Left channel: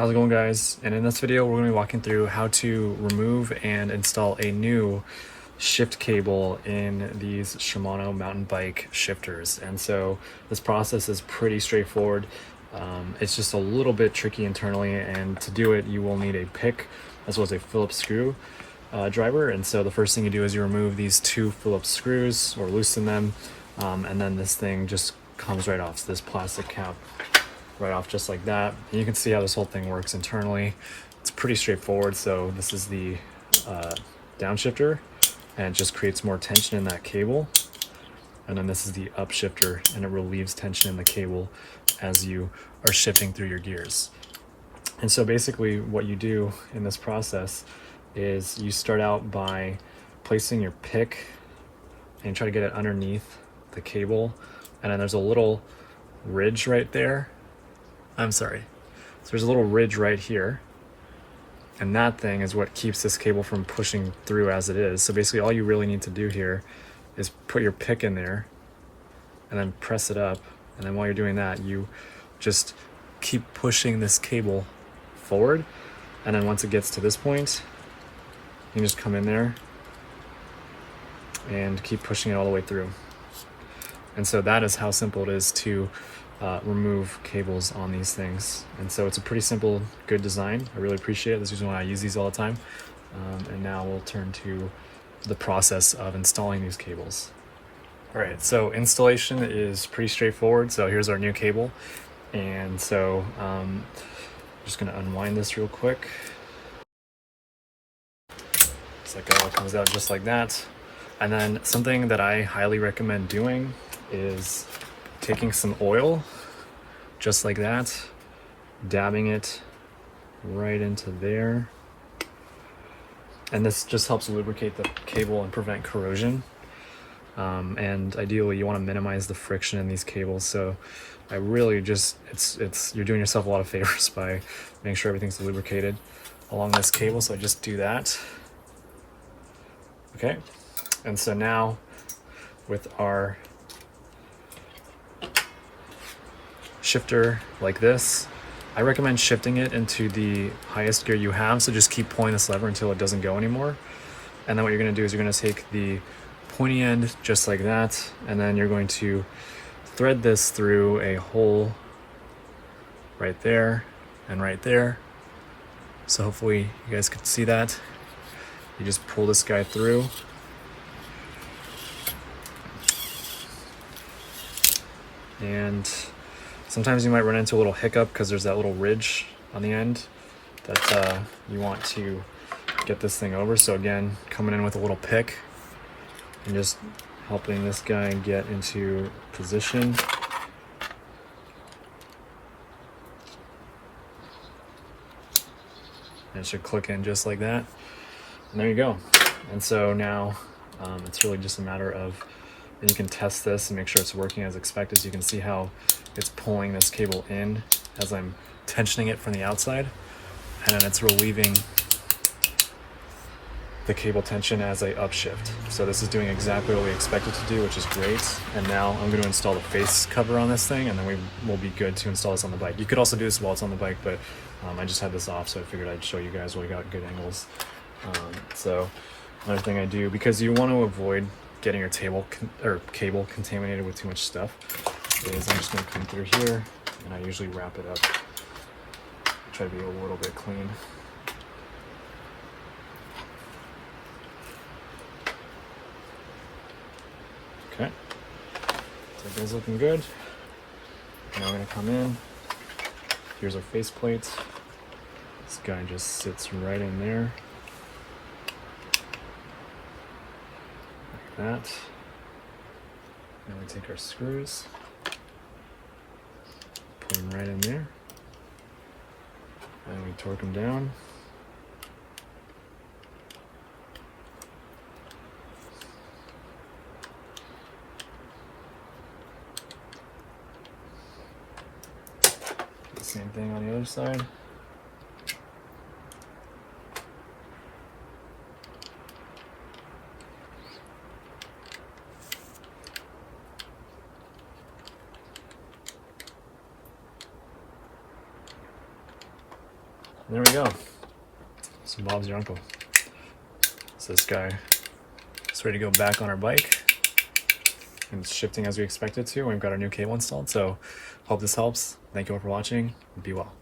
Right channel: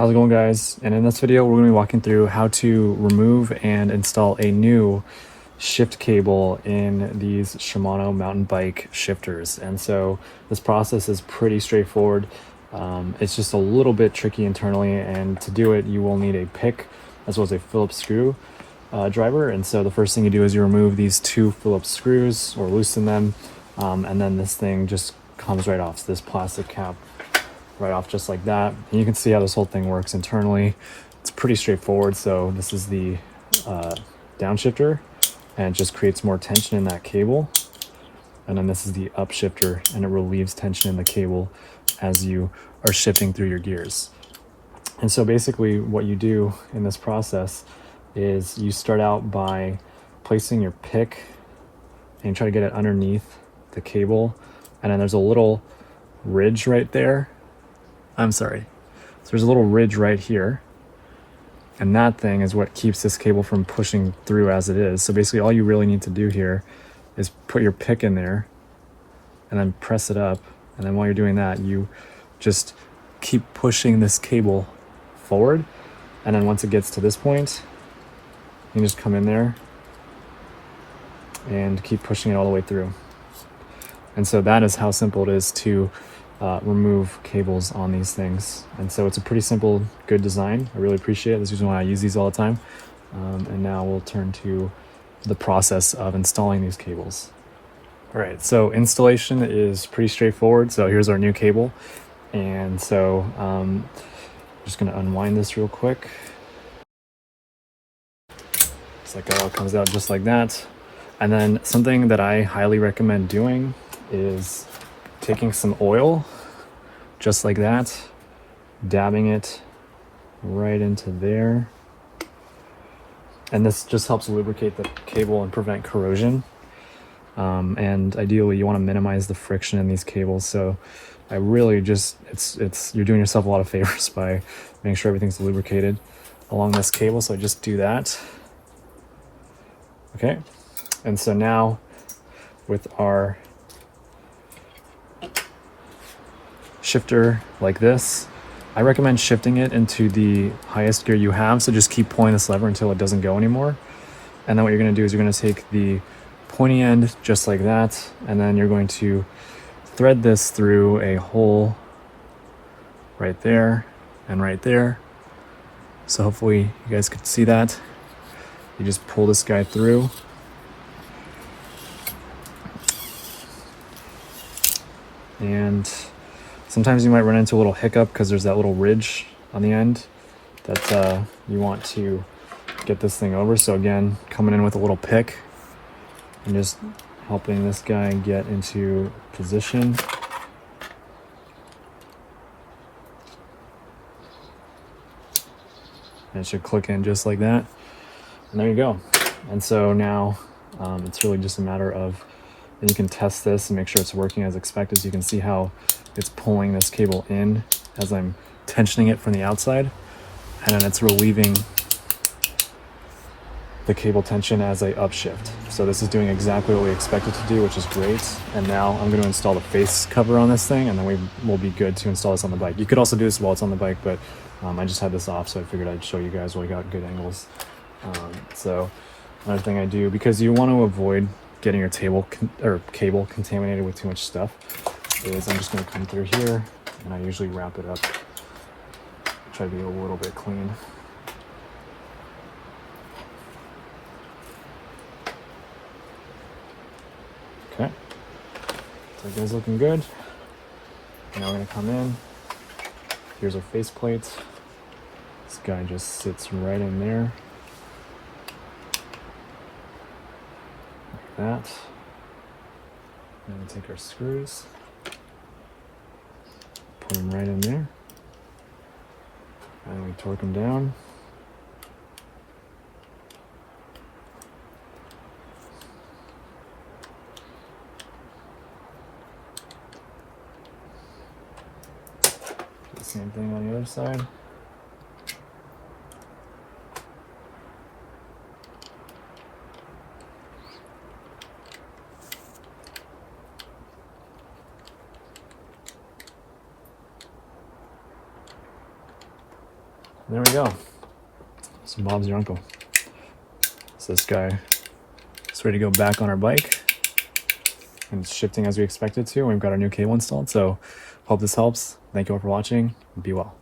How's it going, guys? And in this video we're going to be walking through how to remove and install a new shift cable in these Shimano mountain bike shifters. And so this process is pretty straightforward. It's just a little bit tricky internally, and to do it you will need a pick as well as a Phillips screw driver. And so the first thing you do is you remove these two Phillips screws or loosen them, and then this thing just comes right off. So this plastic cap right off just like that. And you can see how this whole thing works internally. It's pretty straightforward. So this is the downshifter, and it just creates more tension in that cable. And then this is the upshifter, and it relieves tension in the cable as you are shifting through your gears. And so basically what you do in this process is you start out by placing your pick and you try to get it underneath the cable, and then there's a little ridge right there. So there's a little ridge right here, and that thing is what keeps this cable from pushing through as it is. So basically all you really need to do here is put your pick in there and then press it up, and then while you're doing that you just keep pushing this cable forward, and then once it gets to this point you can just come in there and keep pushing it all the way through. And so that is how simple it is to remove cables on these things. And so it's a pretty simple, good design. I really appreciate it. This is why I use these all the time. And now we'll turn to the process of installing these cables. All right, so installation is pretty straightforward. So here's our new cable. And so I'm just gonna unwind this real quick. It's like it all comes out just like that. And then something that I highly recommend doing is taking some oil, just like that, dabbing it right into there. And this just helps lubricate the cable and prevent corrosion. And ideally you want to minimize the friction in these cables. So I really just, you're doing yourself a lot of favors by making sure everything's lubricated along this cable. So I just do that. Okay. And so now with our shifter like this, I recommend shifting it into the highest gear you have. So just keep pulling this lever until it doesn't go anymore. And then what you're going to do is you're going to take the pointy end just like that, and then you're going to thread this through a hole right there and right there. So hopefully you guys could see that. You just pull this guy through. And sometimes you might run into a little hiccup because there's that little ridge on the end that you want to get this thing over. So again, coming in with a little pick and just helping this guy get into position. And it should click in just like that. And there you go. And so now it's really just a matter of, you can test this and make sure it's working as expected. So you can see how it's pulling this cable in as I'm tensioning it from the outside, and then it's relieving the cable tension as I upshift. So this is doing exactly what we expected to do, which is great. And now I'm going to install the face cover on this thing, and then we will be good to install this on the bike. You could also do this while it's on the bike, but I just had this off, so I figured I'd show you guys while we got good angles. So another thing I do, because you want to avoid getting your cable contaminated with too much stuff, is I'm just going to come through here, and I usually wrap it up. Try to be a little bit clean. Okay, so everything's looking good. Now we're going to come in. Here's our face plate. This guy just sits right in there. Like that. Then we take our screws, put them right in there, and we torque them down. The same thing on the other side. There we go. So Bob's your uncle. So this guy is ready to go back on our bike. And it's shifting as we expect it to. We've got our new cable installed. So hope this helps. Thank you all for watching. Be well.